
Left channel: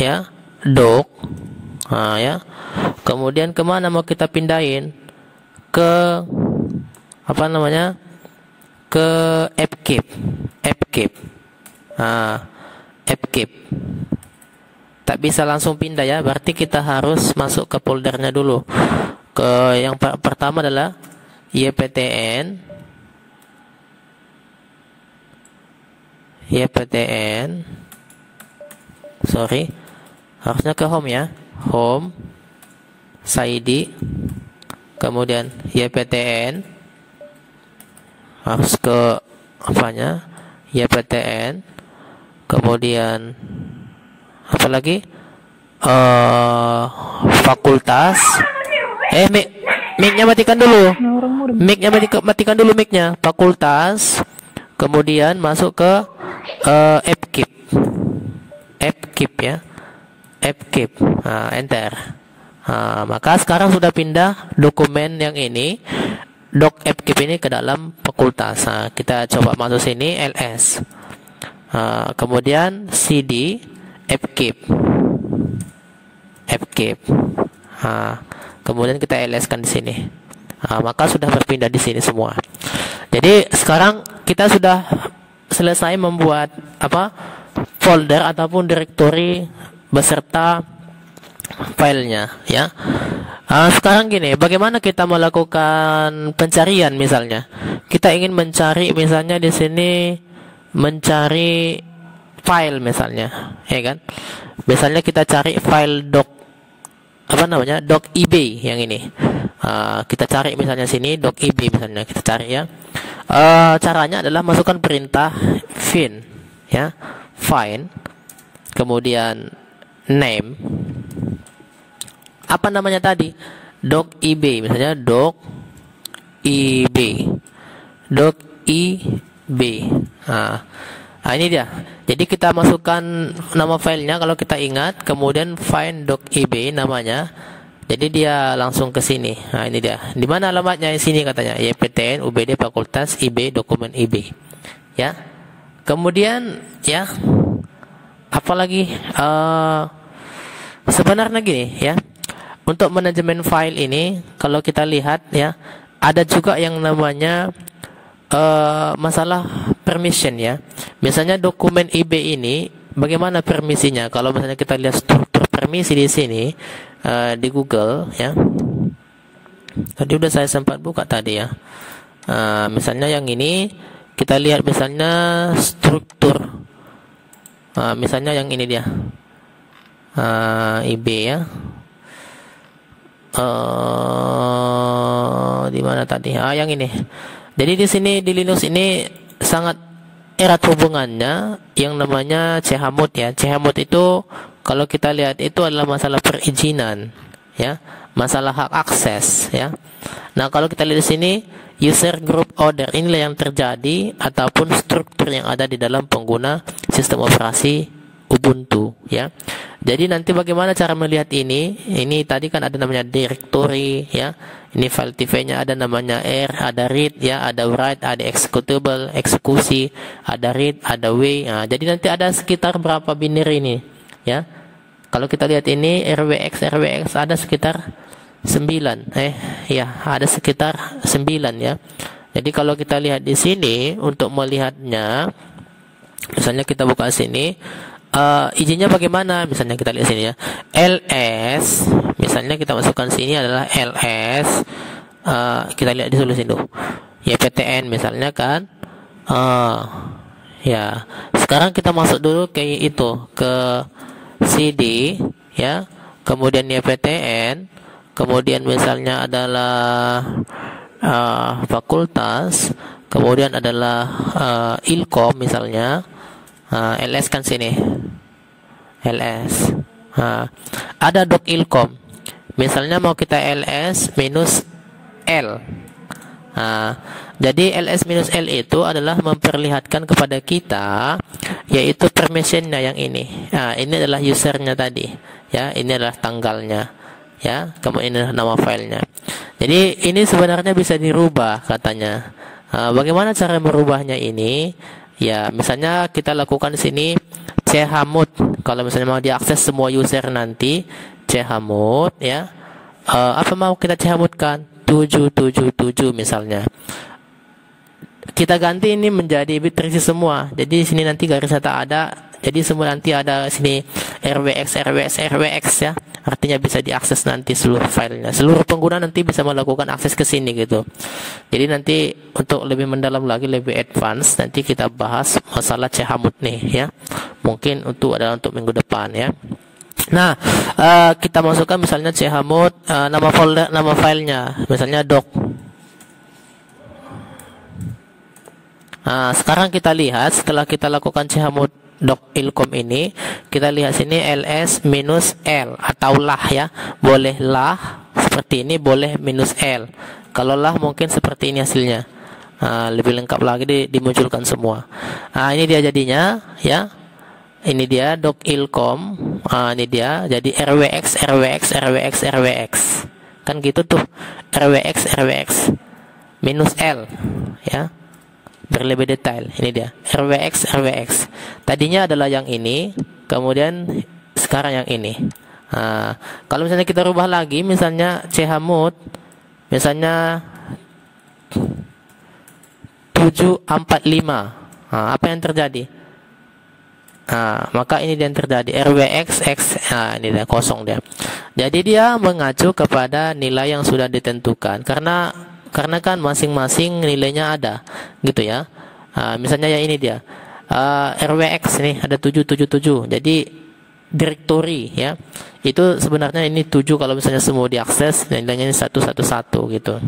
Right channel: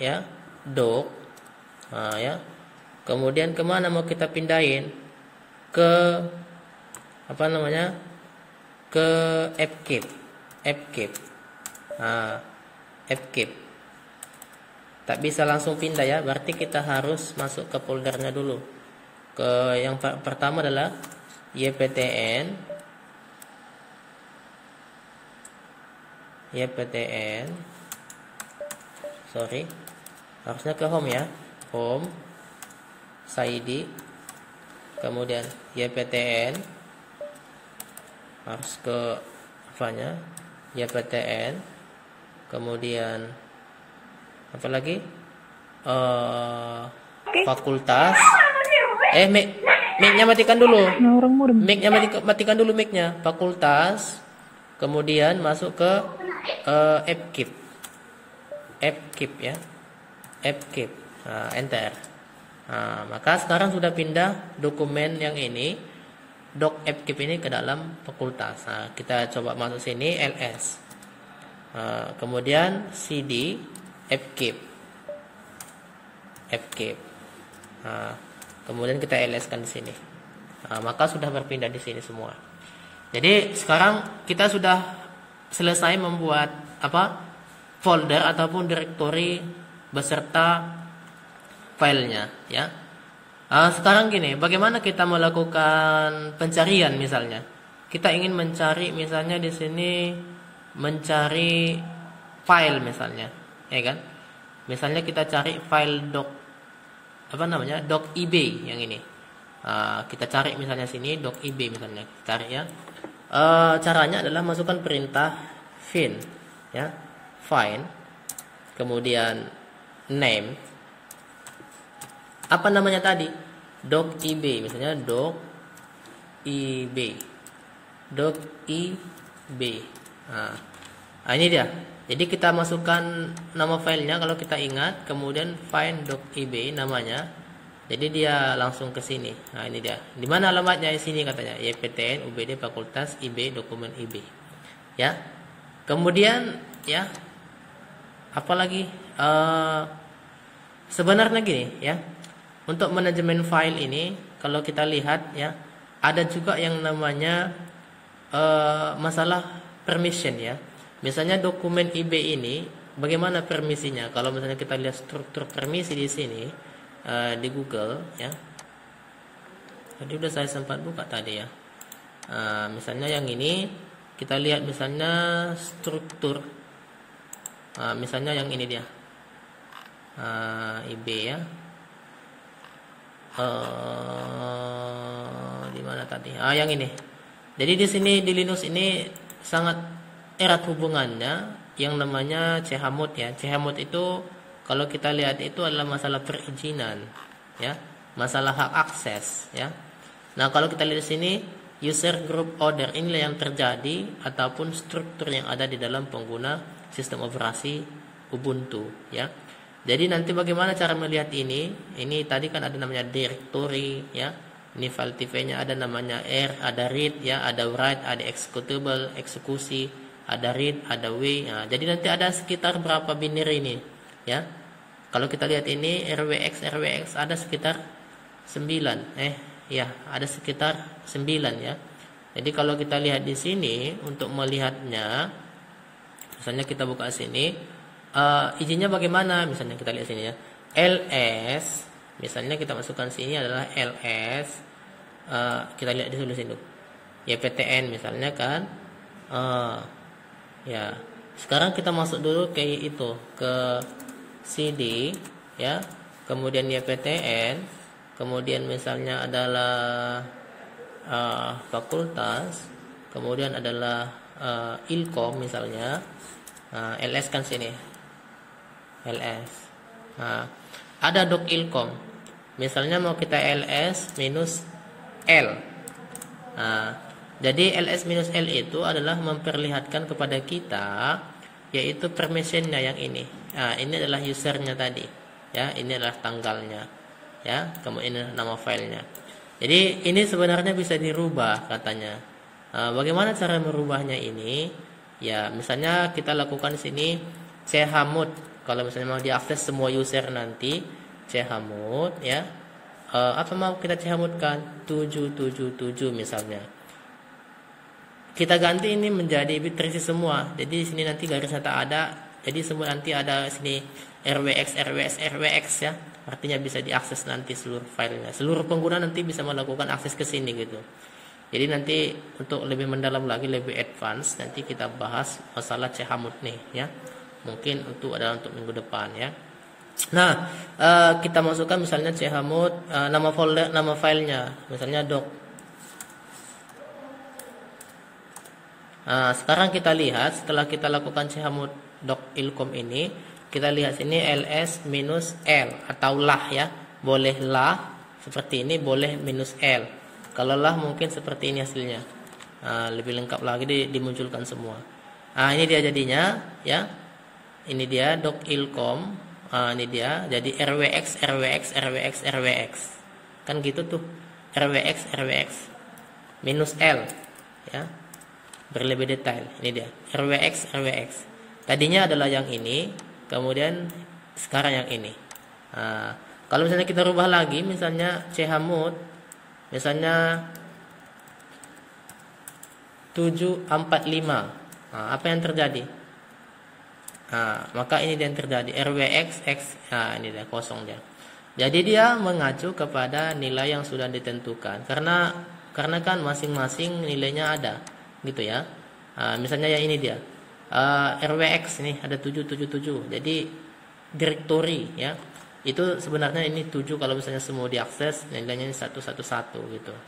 ya, doc. Nah, ya. Kemudian kemana mau kita pindahin? Ke apa namanya? Ke fkeep. Nah, fkeep. Tak bisa langsung pindah ya, berarti kita harus masuk ke foldernya dulu. Ke yang pertama adalah yptn, sorry, harusnya ke home ya, home, cd, kemudian yptn, harus ke apanya, yptn, kemudian apa lagi, fakultas, mic-nya matikan dulu, matikan dulu mic-nya, fakultas, kemudian masuk ke fkeep ya, fkeep. Nah, enter. Nah, maka sekarang sudah pindah dokumen yang ini, doc fkeep ini ke dalam fakultas. Nah, kita coba masuk sini, ls. Nah, kemudian cd fkeep. Nah, kemudian kita ls kan di sini. Nah, maka sudah berpindah di sini semua. Jadi sekarang kita sudah selesai membuat folder ataupun directory beserta filenya ya. Sekarang gini, bagaimana kita melakukan pencarian? Misalnya kita ingin mencari, misalnya di sini mencari file misalnya, ya kan? Misalnya kita cari file doc ib yang ini. Kita cari misalnya sini doc ib misalnya, kita cari ya. Caranya adalah masukkan perintah find ya, find, kemudian name, apa namanya tadi, doc ib misalnya, doc ib. Nah, ini dia. Jadi kita masukkan nama filenya kalau kita ingat, kemudian find doc ib namanya. Jadi dia langsung ke sini. Nah, ini dia. Di mana alamatnya? Di sini katanya. YPTN UBD Fakultas IB dokumen IB. Ya. Kemudian ya, apalagi sebenarnya gini ya. Untuk manajemen file ini kalau kita lihat ya, ada juga yang namanya masalah permission ya. Misalnya dokumen IB ini bagaimana permisinya? Kalau misalnya kita lihat struktur permisi di sini di Google ya. Tadi udah saya sempat buka tadi ya. Misalnya yang ini kita lihat misalnya struktur. Misalnya yang ini dia. IB ya. Di mana tadi? Yang ini. Jadi di sini di Linux ini sangat erat hubungannya yang namanya chmod ya. Chmod itu kalau kita lihat itu adalah masalah perizinan ya, masalah hak akses ya. Nah, kalau kita lihat di sini user group order, inilah yang terjadi ataupun struktur yang ada di dalam pengguna sistem operasi Ubuntu ya. Jadi nanti bagaimana cara melihat ini? Ini tadi kan ada namanya directory ya. Ini file TV-nya ada namanya R, ada read ya, ada write, ada executable, eksekusi, ada read, ada w. Nah, jadi nanti ada sekitar berapa binary ini ya. Kalau kita lihat ini RWX ada sekitar 9. Ya, ada sekitar 9 ya. Jadi kalau kita lihat di sini untuk melihatnya, misalnya kita buka sini, izinnya bagaimana? Misalnya kita lihat sini ya, ls, misalnya kita masukkan sini adalah ls, kita lihat di sini dulu, yptn misalnya kan, ya. Sekarang kita masuk dulu ke itu, ke cd ya, kemudian yptn, kemudian misalnya adalah fakultas, kemudian adalah ilkom misalnya. ls kan sini, ls. Ada doc ilkom, misalnya mau kita ls minus l. Jadi ls minus l itu adalah memperlihatkan kepada kita yaitu permissionnya yang ini. Ini adalah usernya tadi, ya. Ini adalah tanggalnya, ya. Kemudian ini adalah nama filenya. Jadi ini sebenarnya bisa dirubah katanya. Bagaimana cara merubahnya ini? Ya, misalnya kita lakukan di sini chmod. Kalau misalnya mau diakses semua user nanti chmod, ya. Apa mau kita chmodkan? 777 misalnya. Kita ganti ini menjadi bit terisi semua. Jadi sini nanti garisnya tak ada. Jadi semua nanti ada sini rwx ya. Artinya bisa diakses nanti seluruh filenya. Seluruh pengguna nanti bisa melakukan akses ke sini gitu. Jadi nanti untuk lebih mendalam lagi, lebih advance, nanti kita bahas masalah chmod nih ya. Mungkin untuk minggu depan ya. Nah, kita masukkan misalnya chmod, nama filenya, misalnya doc. Sekarang kita lihat setelah kita lakukan chmod doc ilkom ini, kita lihat sini ls minus l atau lah ya. Boleh lah seperti ini, boleh minus l. Kalau lah mungkin seperti ini hasilnya. Lebih lengkap lagi dimunculkan semua. Ini dia jadinya ya. Ini dia doc ilkom. Ini dia jadi rwx kan gitu tuh, rwx minus l ya, berlebih detail. Ini dia rwx. Tadinya adalah yang ini, kemudian sekarang yang ini. Kalau misalnya kita rubah lagi, misalnya chmod, misalnya 745, apa yang terjadi? Maka ini yang terjadi rwx ini dia kosong dia. Jadi dia mengacu kepada nilai yang sudah ditentukan, karena kan masing-masing nilainya ada gitu ya. Misalnya ya ini dia rwx nih ada 777. Jadi directory ya, itu sebenarnya ini 7 kalau misalnya semua diakses, nilainya 111 gitu.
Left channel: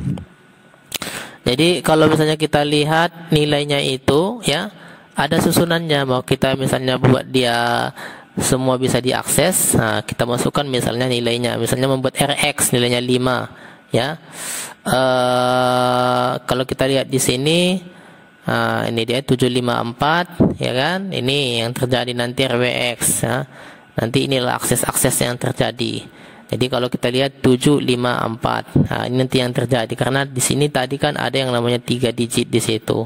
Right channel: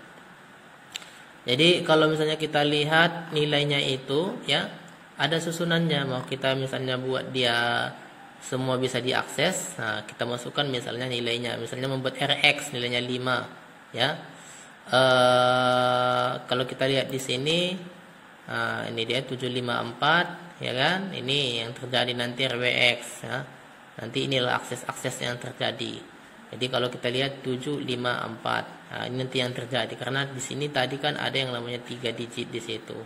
Jadi kalau misalnya kita lihat nilainya itu ya, ada susunannya. Mau kita misalnya buat dia semua bisa diakses, kita masukkan misalnya nilainya. Misalnya membuat rx nilainya 5 ya. Kalau kita lihat di sini, ini dia 754 ya kan. Ini yang terjadi nanti rwx ya. Nanti inilah akses yang terjadi. Jadi kalau kita lihat 754, ini nanti yang terjadi karena di sini tadi kan ada yang namanya 3 digit di situ.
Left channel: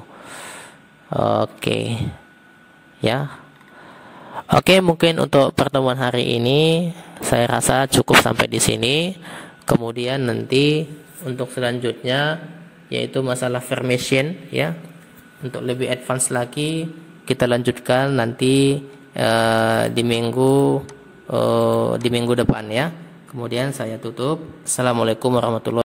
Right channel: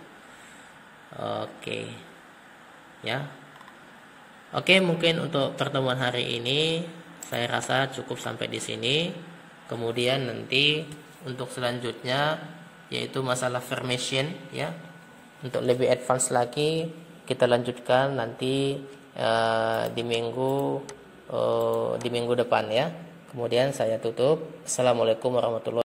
Oke. Ya. Oke, mungkin untuk pertemuan hari ini saya rasa cukup sampai di sini. Kemudian nanti untuk selanjutnya yaitu masalah formation ya. Untuk lebih advance lagi kita lanjutkan nanti di minggu depan ya. Kemudian saya tutup. Assalamualaikum warahmatullahi wabarakatuh.